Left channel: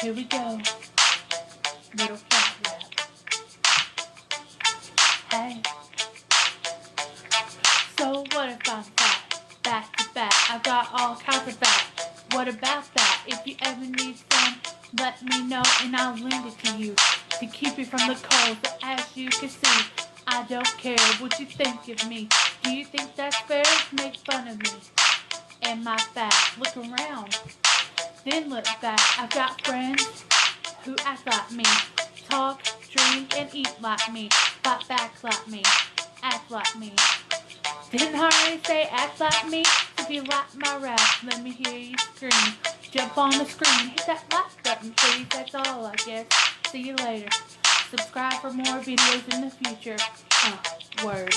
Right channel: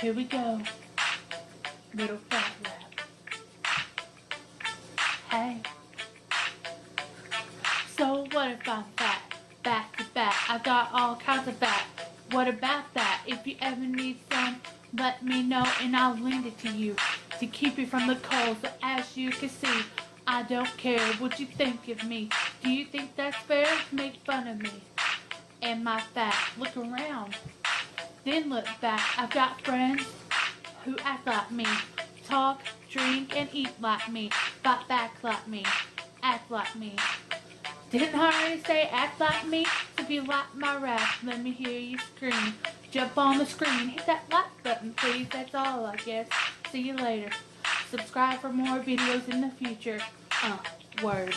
Here we go. Little fat rap. Hey. So what if I'm fat? Back to back, I've got all kinds of fat. What about that? If you ever need some, let me know and I'll lend it to you to keep you from the cold. So as you can see, I don't care what you think of me. Do you think that's fair? Make fun of me and my fat. Look around, then look back. I've got friends who act like me, talk, drink, and eat like me, fight back like me, act like me. Didn't I already say act like me? So if you like my rap, let me hear you scream. Jump on the screen, hit that like button please, that's all I guess. See you later. Subscribe for more videos in the future. Word.